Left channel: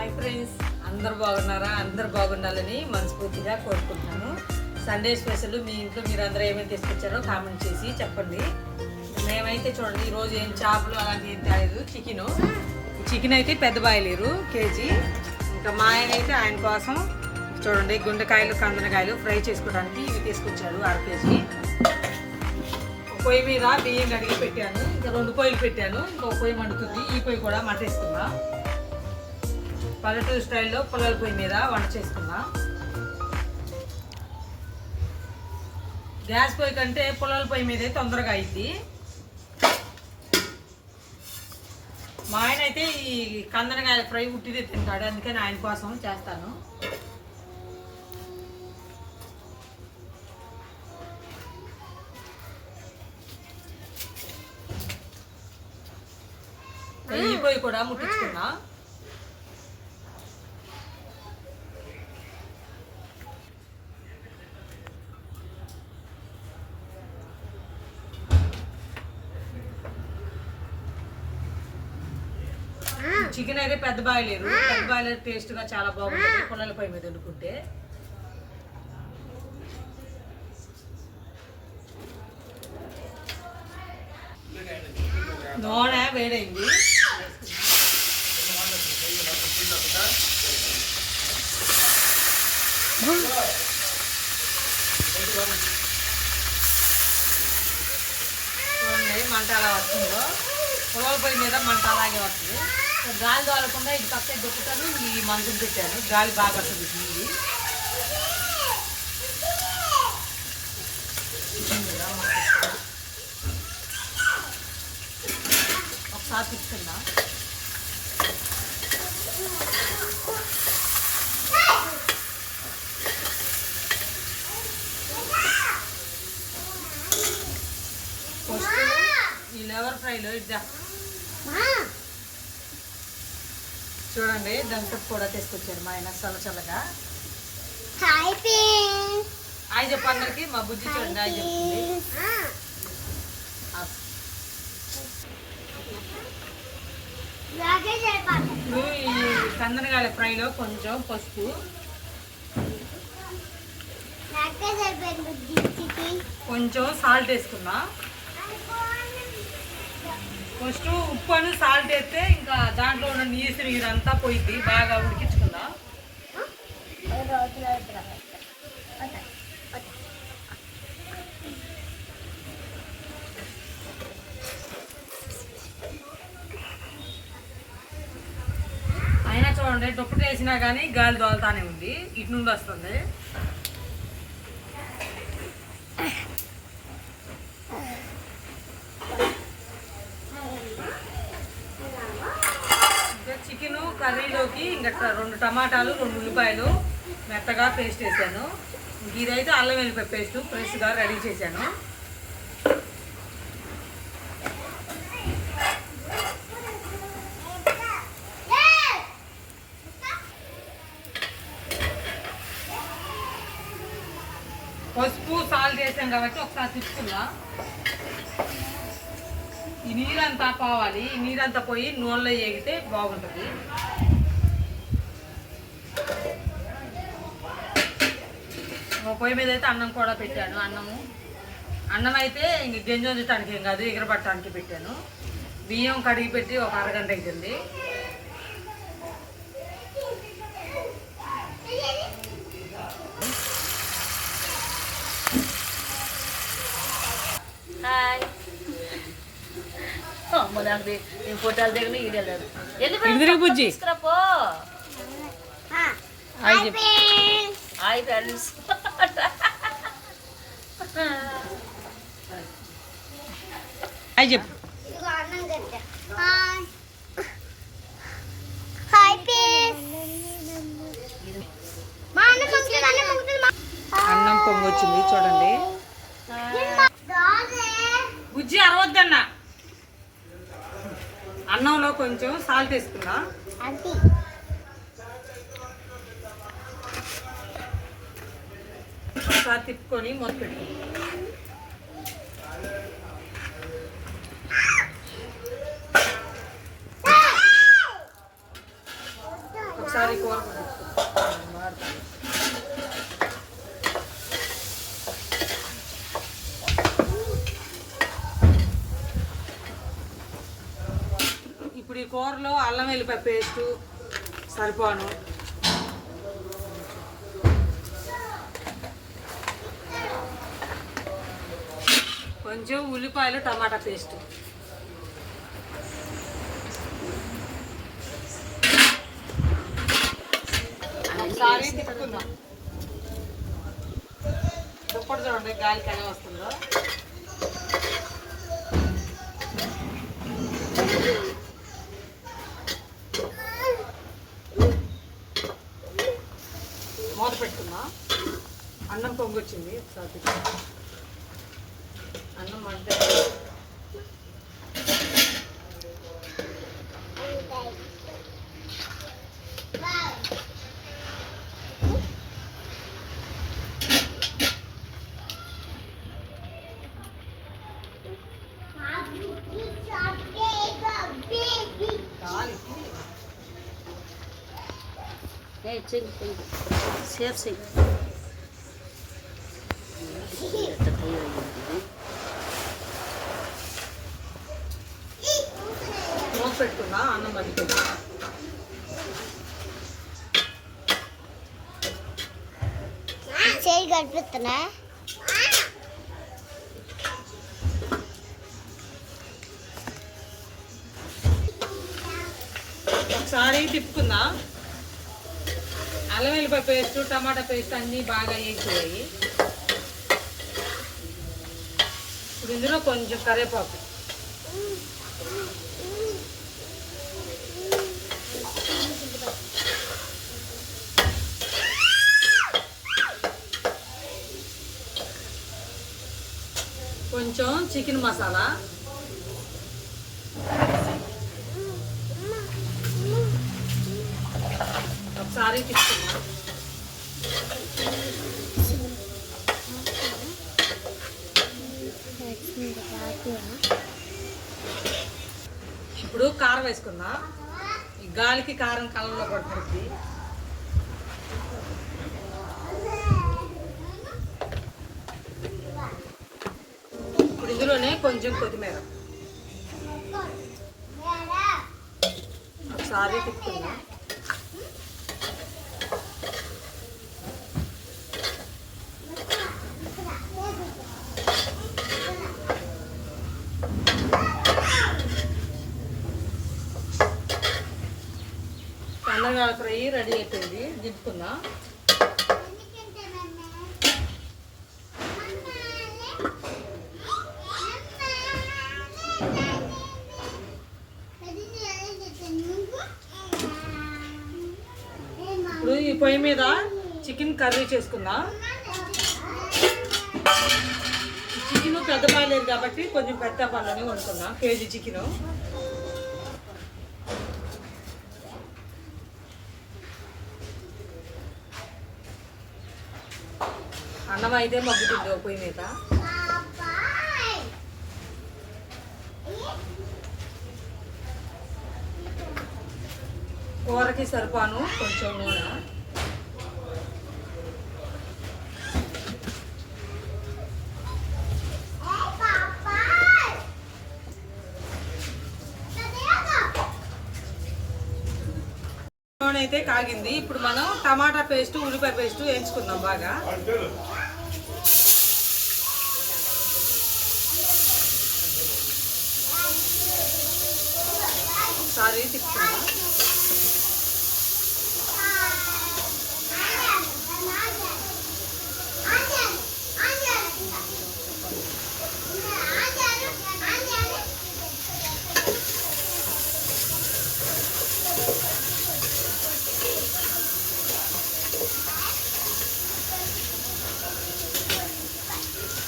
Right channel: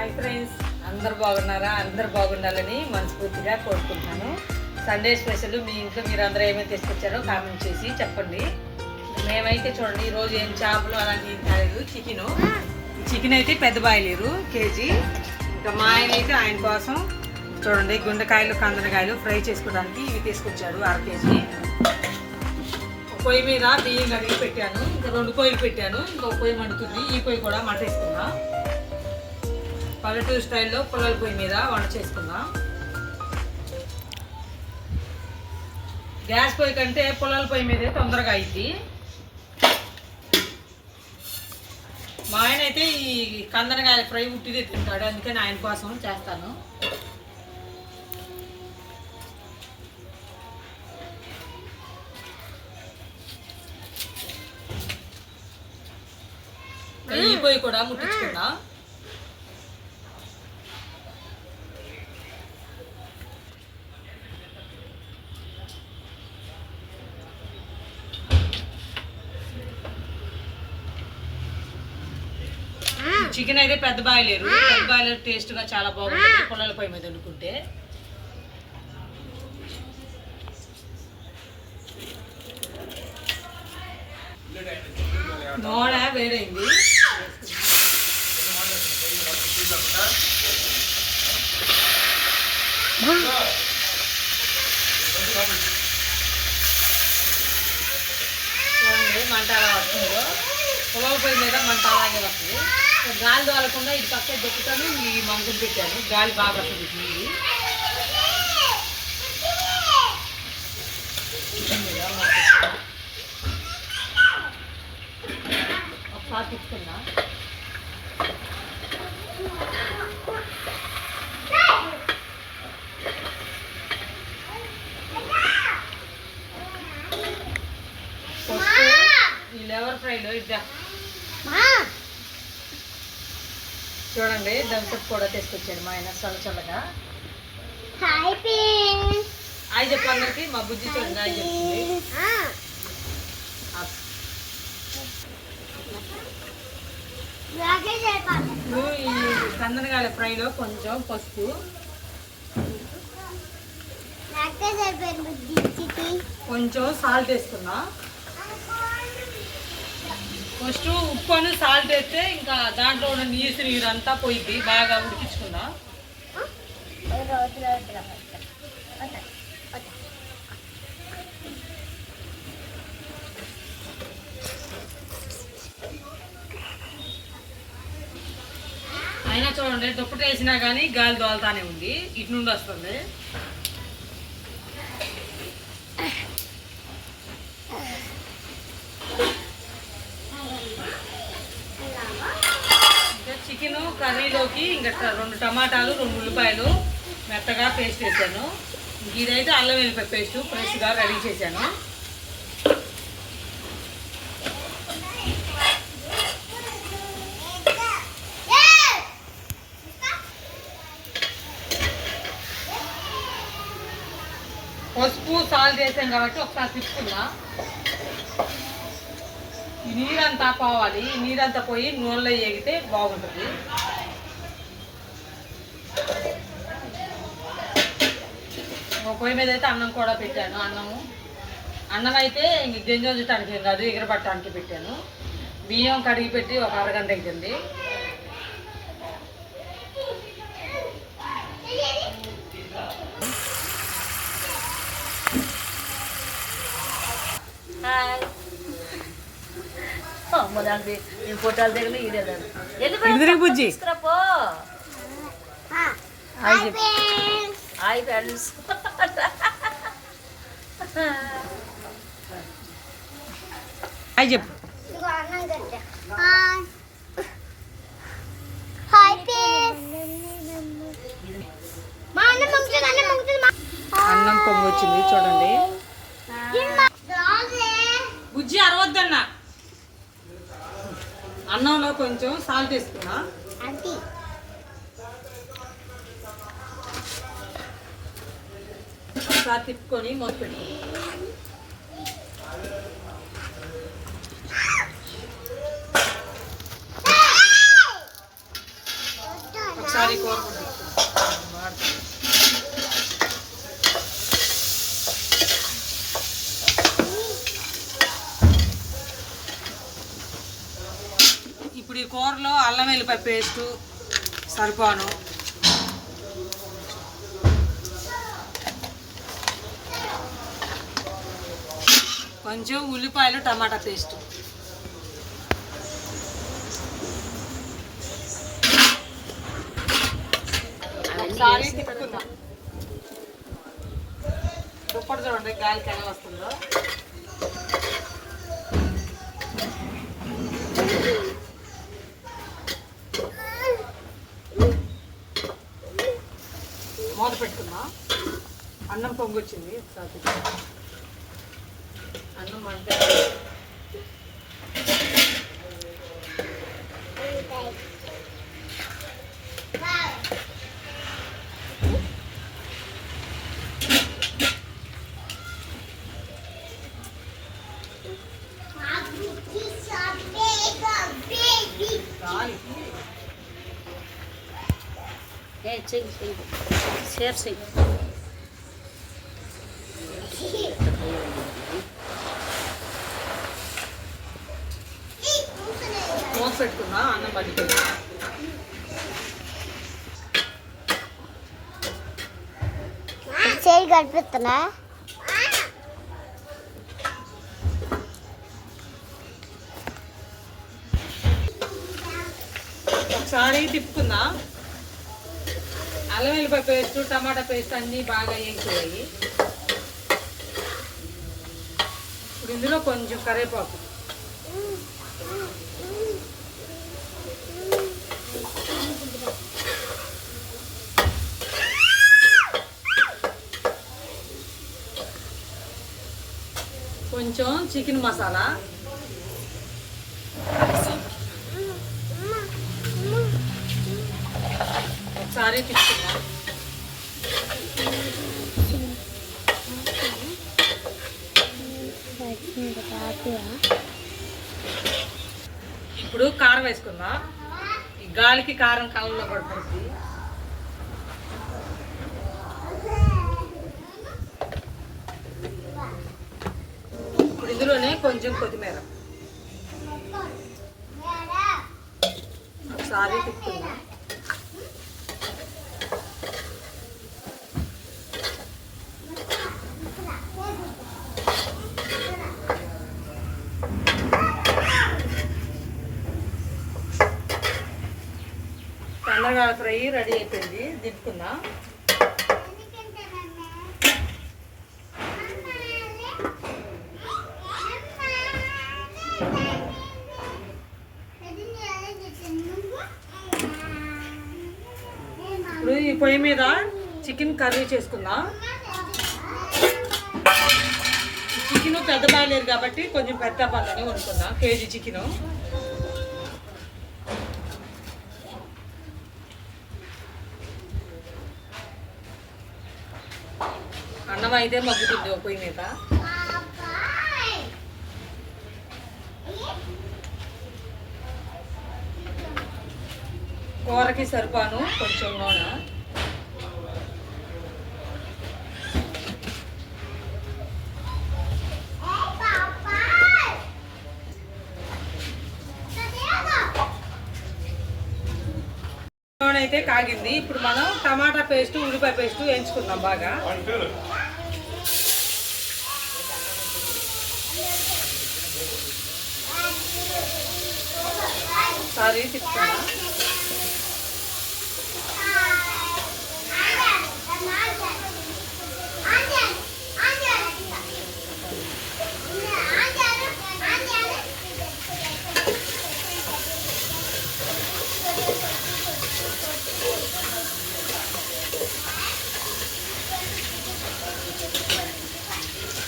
Hi friends. అందరు బాగున్నారా? అందరు బాగుండాలని మనస్ఫూర్తిగా కోరుకుంటున్నాను. సండే స్పెషల్ మీ ఇంట్లో మీరు అందరూ ఏమేమి తీసుకొచ్చారో కామెంట్ చేసి చెప్పండి. మేమైతే చూడండి ఈరోజు ఏం చేపలు అలాంటివి ఏం చికెను. చికెన్ అయితే పెద్ద బాయలేరు కేజీ. ఇంకా మా ఆయన అయితే ఆయన కోసం చూడండి గుండెకాయలు కందనకాయలు ఫ్రై చేసుకోవడానికి ఇవి తీసుకొచ్చాడు అర కేజీ. ఒక పొయ్యి మీద బియ్యం కడిగి పెట్టాను. ఇంకా రెండు పొయ్యిలు పెట్టాను. ఇంకో పొయ్యి మండుతుంది. ఈ పొయ్యి కూడా మంట పల్లెటూరు స్టైల్లో పొలాల పొయ్యి మీద వంట చేసుకుందాం. గ్యాస్ పొయ్యి కంటే పొలాల పొయ్యి మీదే తొందరగా అయింది మా ఆయన అయితే ఈ కందనకాయ ఫ్రై ఉట్టిదే తింటాడు అందుకని ఆయన కోసం చేస్తాను. ఈ పొయ్యి కూడా ముట్టించుకుందాం. చికెన్ అయితే పెద్ద బాయిలేరు పెద్ద బాయిలర్ టేస్ట్గా చాలా బాగుంటుంది. పుల్లల పొయ్యి మీద వండుకుంటే. నూనె వేడైంది. చూడండి మంట అలా వస్తుందో. పొలాల పొయ్యి మీద మంట అలాగే వస్తుంది. గాలి దోలకుండా ఇది పక్క దొక్కుతాను ఈ మందులు పెట్టాను. గాలి బాగా వస్తుంది నీరు. ఒకసారి తీసుకున్నా ఈ లెవర్ ఫ్రైలో ఇద్దా. చూడండి దంసప్ కూడా తీసుకొచ్చాడు మా ఆయన చల్ల చల్లగా. ఆయన చెప్పడానికి మా బుజ్జి చూడండి ఆయన చెప్తుంది. ఇప్పుడు ఈ కందనగాల ఫ్రైలో కొంచెం పసుపు. కొంచెం సాల్ట్ వేసుకున్నా ఫస్ట్ ఉప్పు అని సాల్ట్ వేస్తే ఇంకా దాంట్లో ఉన్న నీసు నీరు అంతా పోయింది. బాగా ఉడికించుకుందా. అయినా చూడండి దుప్పటి వేసినా కానీ గాలి దోలుతానే ఉంది. ఇటు నుండి వస్తుంది ఇంకా చికెన్ కర్రీలోకి ఇంకా రెండు టమాటాలు రెండు ఉల్లిపాయలు మెత్తగా పేస్ట్ వేసాను. ఇదైతే అల్లం వెల్లిపాయ పేస్ట్ ఫ్రెష్గా రెడీ చేశాను. పసుపు సాల్ట్ వేసాం కాబట్టి ఒకసారి తిప్పుకుందాం. ఈ నీరంతా పోవాలి. ఈ నీరంతా పోయి నూనెలో ఏగితే బాగుంటుంది. పొయ్యి మీద అయితే అన్నం కూడా పెట్టాను అన్నము. అన్నం అయితే ఇంక గింజ ఉంచడానికి ఏం కాదు ఎగరబట్టడానికి పెట్టాను. బియ్యం కడిగి పెట్టి ఒక అరగంట అవుతుంది హాయ్. అమ్మ దానికి నేను ఫోటోలు దిగను ఈడెళ్ళాను బుజ్జి హాయ్ ఫ్రెండ్స్ హాయ్ చెప్పు ఇదిగో అన్నం గడ్డ హాయ్ హాయ్ ఫ్రెండ్స్ మా అన్న పంపుతుంది అన్న పంపుతుంది అన్నం పొంగు వచ్చింది చూడండి. బుజ్జి అరవద్దన్న. అన్నంలో కొంచెం సాల్ట్ వేసుకున్నా. ఒకసారి తిప్పుకొని మూత పెట్టుకో. ఒకసారి కూర ఇప్పుడు ఈ కూరలో అల్లం వెల్లిపాయ పేస్టు సరిపోను. కొంచెం ఉల్లిపాయలు టమాటా పేస్ట్. ఒకసారి తిప్పుకుందాం. దుప్పటి చూడండి గాలికి ఎలా వస్తుందో. మూత పెట్టుకుందాం. అన్నం పొంగొచ్చింది ఒకసారి తిప్పుకుందాం. అన్నం అంటే గాలికి ఏ చెయ్యి చెయ్యి పెట్టుకున్నా అన్నం పడిపోయింది చేయి కనిపిస్తున్నా ఒకసారి తిప్పుకున్నా అల్లం వెల్లిపాయ పేస్ట్ టమాటా పేస్ట్ అన్నీ బాగా వేగిపోయాయి ఇప్పుడు ఇందులో కొంచెం కరివేపాకు. కొంచెం చికెన్ మసాలా. ఒకసారి తిప్పుకున్నా ఇప్పుడు కారం వేసుకుందాం. ఈ గాలికి కారం కళ్ళలో పడుతుంది. ఇందులోనే కొంచెం కొత్తిమీర. ఒకసారి తిప్పుకుందాం. కందరగాల ఫ్రై రెడీ అయిపోయింది. దింపుకుందాం. పొయ్యి మీద చికెన్ కర్రీ చేసుకుందాం. చికెన్ పెద్ద బాగాలేదు కాబట్టి కొంచెం పెద్ద పళ్ళని వండుకుందాం కేజీ చికెన్. అన్నం అయితే మగ్గుతుంది పొయ్యి మీద. కూరకి సరిపాను కొంచెం నూనె. నూనె అయితే కాగింది. ఇప్పుడు మనం టమాటా పేస్ట్ ఉల్లిపాయ పేస్ట్ వేయించుకుందాం బాగా. సారీ తిప్పుకుందాం.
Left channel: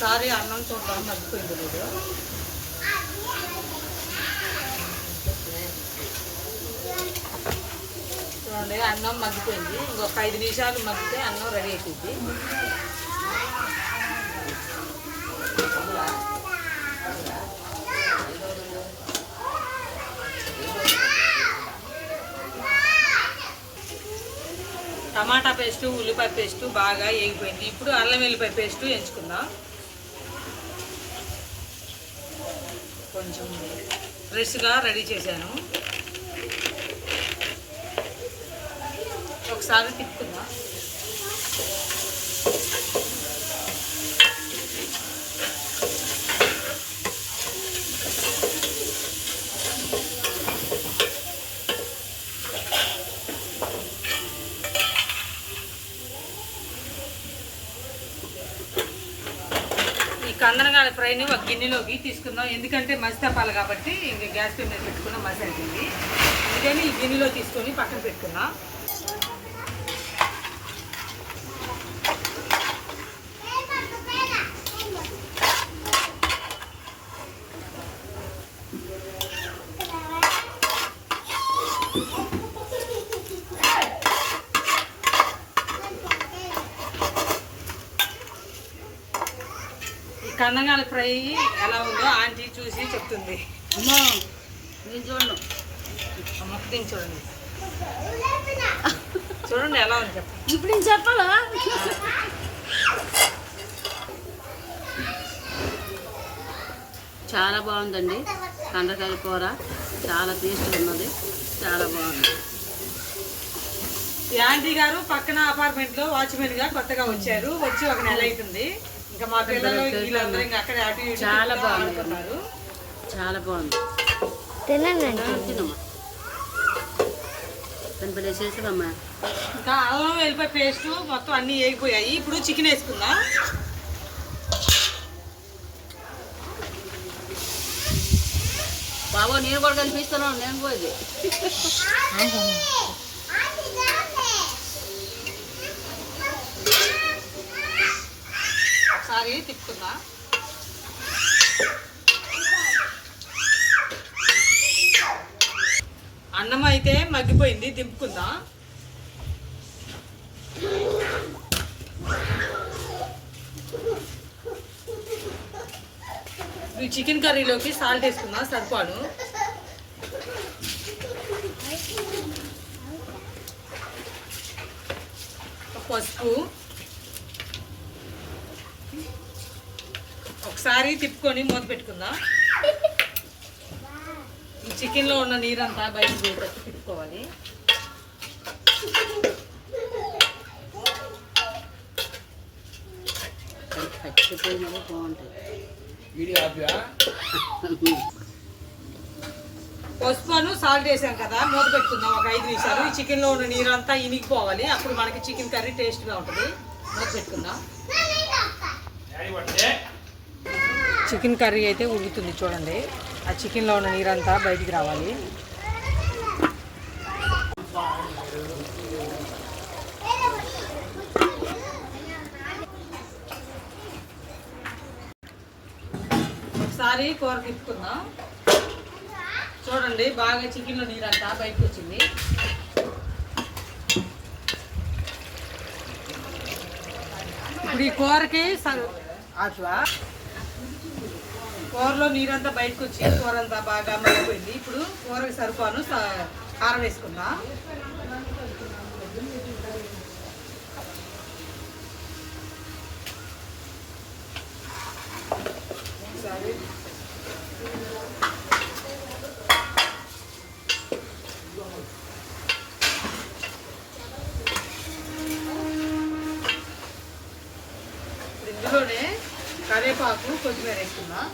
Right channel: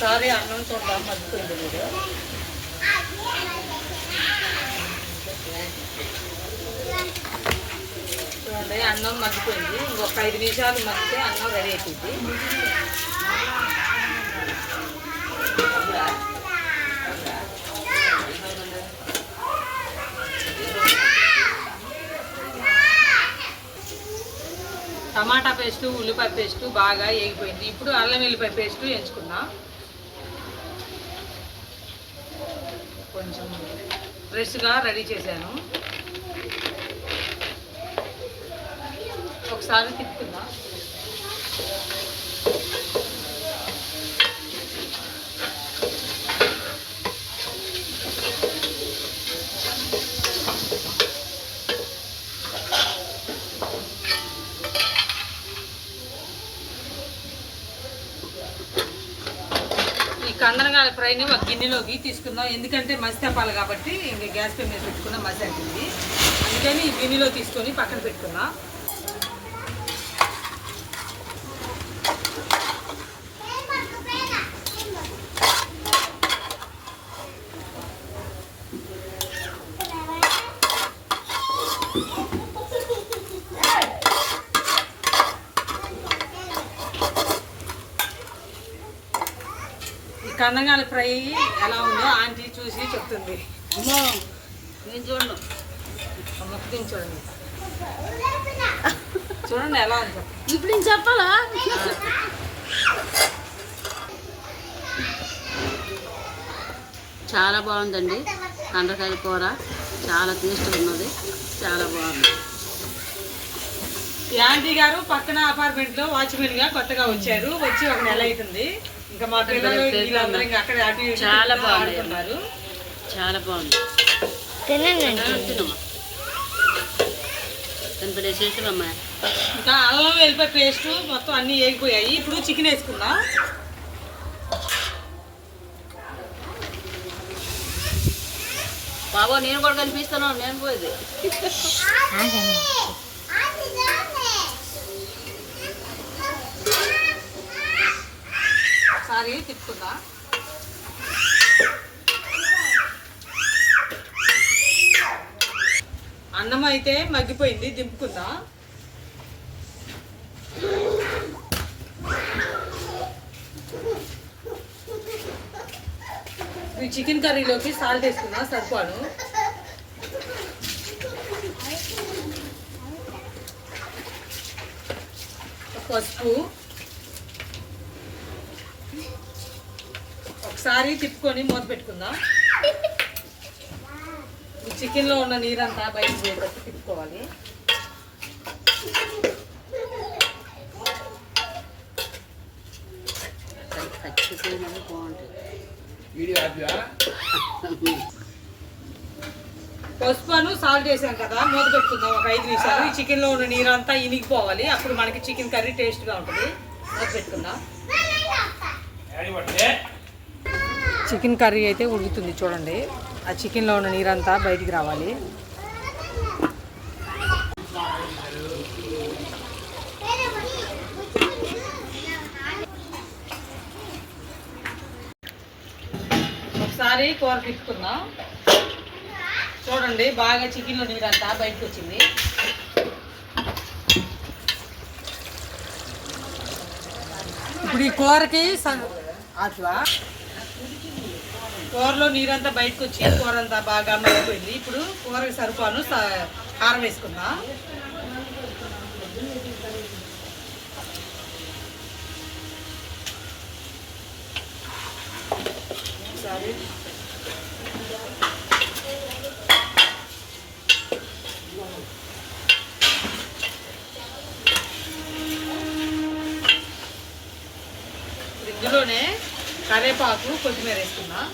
ఒకసారి అన్నం చూద్దాం మర్చిపోయింది మీరు చూడండి అన్నం మగ్గిపోయింది ఇంకొక ఐదు నిమిషాలు మగ్గితే అన్నం రెడీ అయిపోయింది. టమాటా పేస్ట్ ఉల్లిపాయ పేస్ట్ బాగా వేగిపోయింది ఇప్పుడు అల్లం వెల్లిపాయ పేస్ట్ ఎంచుకుందాం కొంచెం ఫ్రెష్గా రెడీ చేశాను. ఒకసారి తిప్పుకుందాం. కందనగాల ఫ్రైని ఒక గిన్నెలోకి తీసుకుందాం. ఎందుకంటే మసి తప్పాలి కాబట్టి ఇంకా గ్యాస్ పై మీద పెట్టుకుందాం మసి అంటుంది. అందుకని ఈ గిన్నెలో తీసుకొని పక్కన పెట్టుకుందాం. ఈ కందనగాల ఫ్రై ఎలా ఉందో ఆంటీ చూసి చెప్తుంది. నేను చూడండి ముక్క తిని చూడండి. చూడండి ఎలా ఉంది ఇప్పుడు నేను చెప్పాలా? చాలా బాగుందండి కందకాయ కూర. చాలా టేస్ట్ ఉన్నది. చాలా బాగుంది. ఈ ఆంటీ గారు పక్కన అపార్ట్మెంట్లో వాచ్మెన్గా కొత్తగా వచ్చారు. వచ్చి ఒక నెల అవుతుంది. ఇంకా మా పిల్లలు వీళ్ళందరూ ఇంకా అక్కడ అటు చాలా. ఆడుతున్నారు చాలా బాగుంది. తినండి. ఇంకా అల్లం వెల్లిపాయ పేస్ట్ మొత్తం అన్ని వేగిపోయాయి ఇప్పుడు చికెన్ వేసుకుందాం. బాబు నేను కూడా కనిపిస్తాను. నేను పోయింది ఒకసారి తిప్పుకుందా అన్నం అయితే మగ్గిపోయింది దింపుకుందా? చికెన్ కర్రీలోకి సాల్ట్ వేసుకుందా సరిపాను? పసుపు. ఒకసారి తిప్పుకొని మూత పెట్టుకుందాం. ఈ చికెన్లో ఉన్న నీరంతా బయటకు పోయేటట్టు తిప్పుకోవాలి. చచ్చిపోయినవి బాగుంటాయి పసుపును సాల్ట్ వేసాం కదా మూత పెట్టుకుందాం ఒక ఐదు నిమిషాలు. ఈ చికెన్లో ఉన్న నీరంతా ఇనిగిపోవాలి. అప్పుడు మనకి చికెన్ కర్రీ టేస్ట్గా ఉంటుంది. మూత పెట్టుకుందాం. చికెన్ కర్రీ అయితే ఉడుకుతుంది చూడండి. ఆ చికెన్లో ఉన్న నీరంతా బయటికి రావాలి. ఒకసారి కూర తిప్పుకుందాం చూడండి బాగా చికెన్లో నీరంతా బయటకు వచ్చింది. ఇప్పుడు ఈ కూరకి స- అట్లా కూరలో నీరంతా బయటకు వచ్చి కూర అంతా బాగా మరిగిపోయింది ఇప్పుడు కూరకి సరిపాను కారం వేసుకుందాం? ఒకసారి ఇందులోనే కరివేపాకు కొత్తిమీర వేసుకుందాం.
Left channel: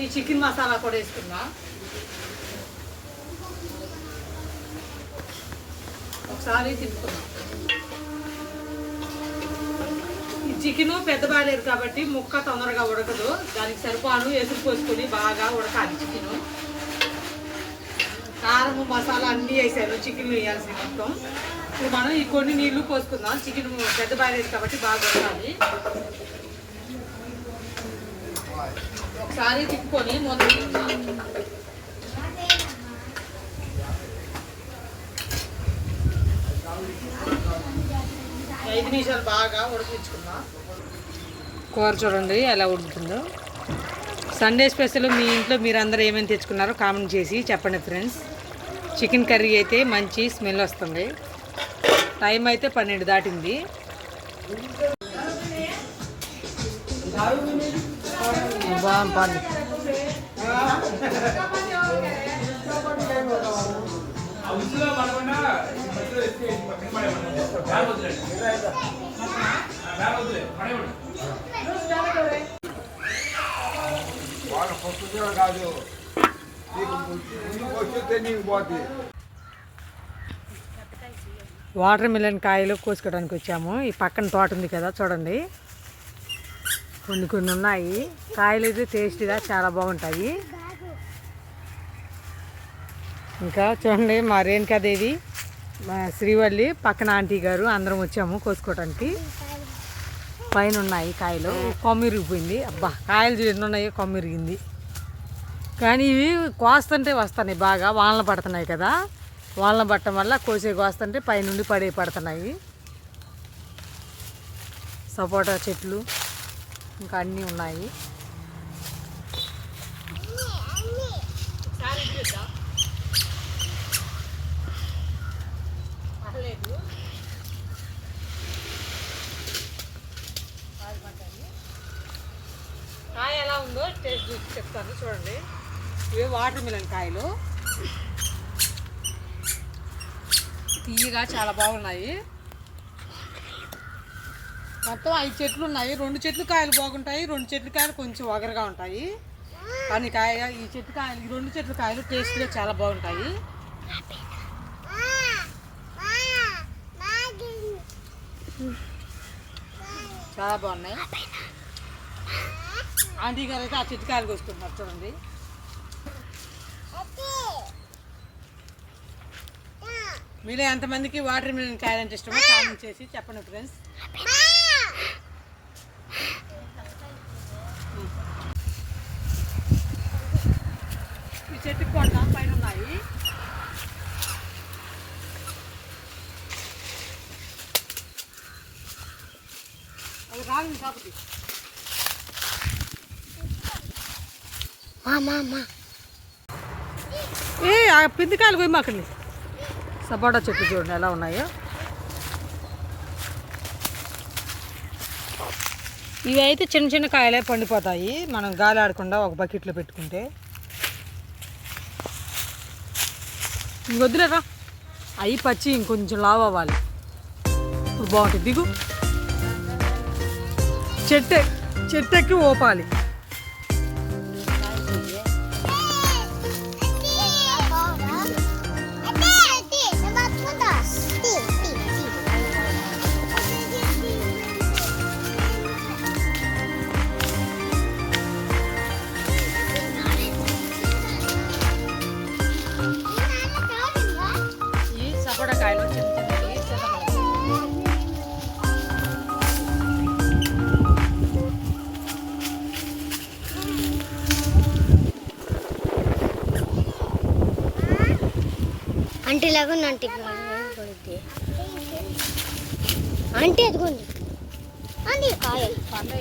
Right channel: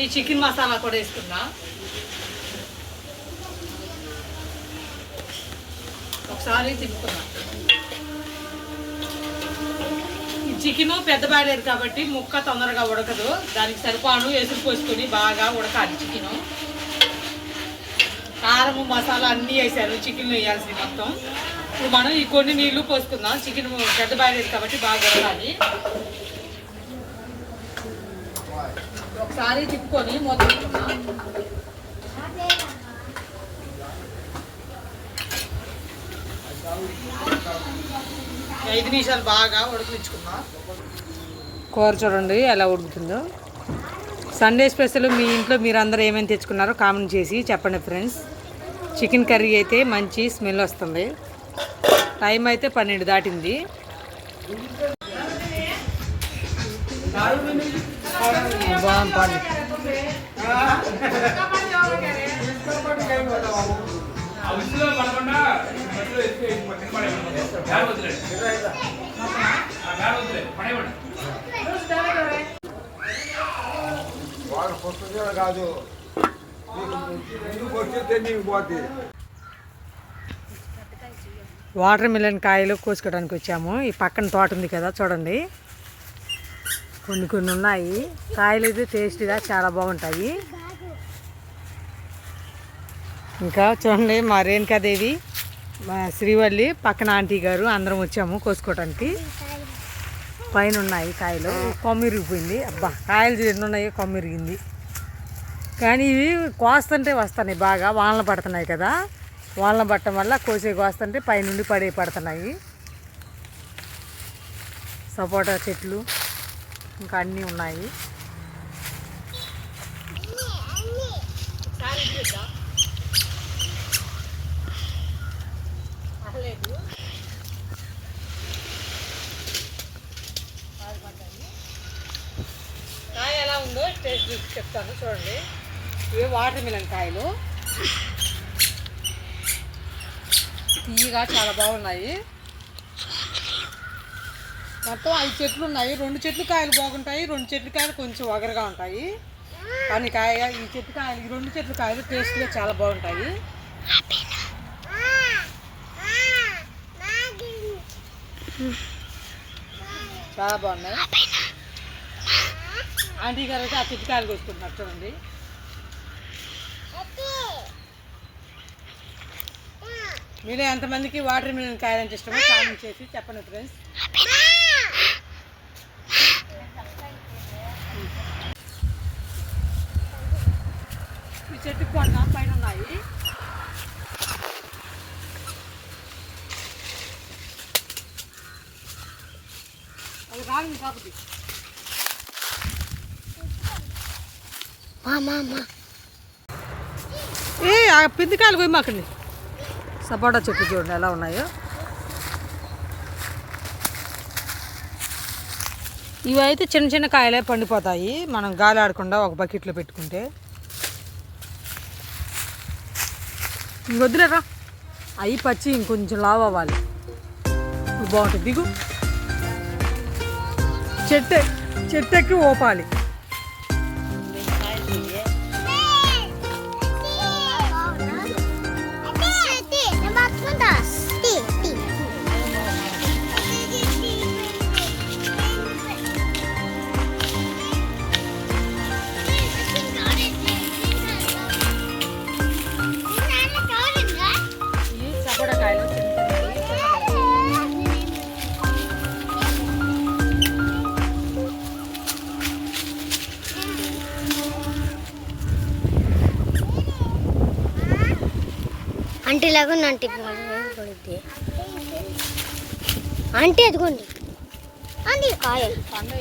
ఈ చికెన్ మసాలా కూడా వేసుకుందాం. ఒకసారి తిప్పుకుందాం. ఈ చికెన్ పెద్ద బాయలేదు కాబట్టి ముక్క తొందరగా ఉడకదు. దానికి సరిపాను ఎసురు పోసుకొని బాగా ఉడకాలి చికెను. కారం మసాలా అన్నీ వేసారు. చికెన్ వేయాల్సింది మొత్తం. ఇప్పుడు మనం ఈ కొన్ని నీళ్ళు పోసుకుందాం. చికెన్ పెద్ద బాయలేదు కాబట్టి బాగా ఉడకాలి. ఒకసారి తిప్పుకొని మూత ఐదు నిమిషాలు బాగా ఉడకనిచ్చుకుందాం కూర చూడండి ఎలా ఉడుకుతుందో. సండే స్పెషల్ మీ ఇంట్లో మీరు అందరూ ఏమేమి తెచ్చుకున్నారో కామెంట్ చేసి చెప్పండి ఫ్రెండ్స్. చికెన్ కర్రీ అయితే మంచి స్మెల్ వస్తుంది. టైం అయితే పన్నెండు దాటింది. బాగుంది కాదు. నీకు ముందుకు వస్తే నీకు పోతే. వాటర్ మిలన్ కాయలు కోసుకోవడానికి వచ్చాము. ఈ పక్కన తోట ఉంది కదా చూడండి. కొన్ని కొన్ని ఉన్నాయి. కాయలు అయితే టేస్టీగా చాలా బాగుంటాయి. ఇంకా చూడండి మా రేణుకాదేవి మా శ్రీవల్లి పక్కన ఆంటీ గారు అందరం వచ్చాము కోసుకోవడానికి పైన ఉన్నాయి కాయలు. కొమ్మిరిగిపోయింది అబ్బా కాయలు ఎన్ని ఉన్నాయో కొమ్మిరిగింది కానీ ఇవి కోస్తుంటే వస్తున్నాయి బాగా వానలు పడుతున్నాయి కదా. వానలు పట్టడం వల్ల కోసే కోస్తుంటే పైనుండి పడే పడుతున్నాయి. సపోటా చెట్లు ఇంకా అన్నీ ఉన్నాయి. ఎలా ఉందో టేస్ట్ చూసి చెప్తాను. చూడండి. ఇవి వాటర్ మిలన్ కాయలు? తీయగా చాలా బాగున్నాయి. మొత్తం ఐదు చెట్లు ఉన్నాయి. రెండు చెట్లు కాయలు బాగుంటాయి. రెండు చెట్లు కాయలు కొంచెం ఒగరుగా ఉంటాయి. కానీ కాయ ఈ చెట్టు కాయలు ఈ రెండు చెట్లు కాయలు టేస్ట్గా చాలా బాగుంటాయి. చాలా బాగున్నాయి. ఆంటీ గారు అయితే ఆ చెట్టు కాయలు కోసుకుంటున్నారు చూడండి. మీలో ఎంతమందికి వాటర్ మిలన్ కాయాలంటే ఇష్టమో కామెంట్ చేసి చెప్పండి ఫ్రెండ్స్ ఈ చెట్టుకి కొండ పైన ఉన్నాయి. అది రాగింది కాకపోతే ఏ ఆ పిందికాయలు పోయి మాకండి సపోటా చెట్లు చూడండి ఎలా ఉన్నాయో. ఇవి అయితే చిన్న చిన్న కాయలే పండిపోతాయి. మనం గాలి ఆడకుండా ఒక బకెట్లో పెట్టుకుంటే. ఇంకొద్దులేరా అవి పచ్చి ఇంకొంచెం లావ్ అవ్వాలి. ఇప్పుడు బాగుంటుంది. దిగు. చెట్టు చెట్టు ఎక్కి ఓపాలి. అంటే లాగా అంటే పడుద్ది అంటే ఎదుగుంది. అండి కాయ పండు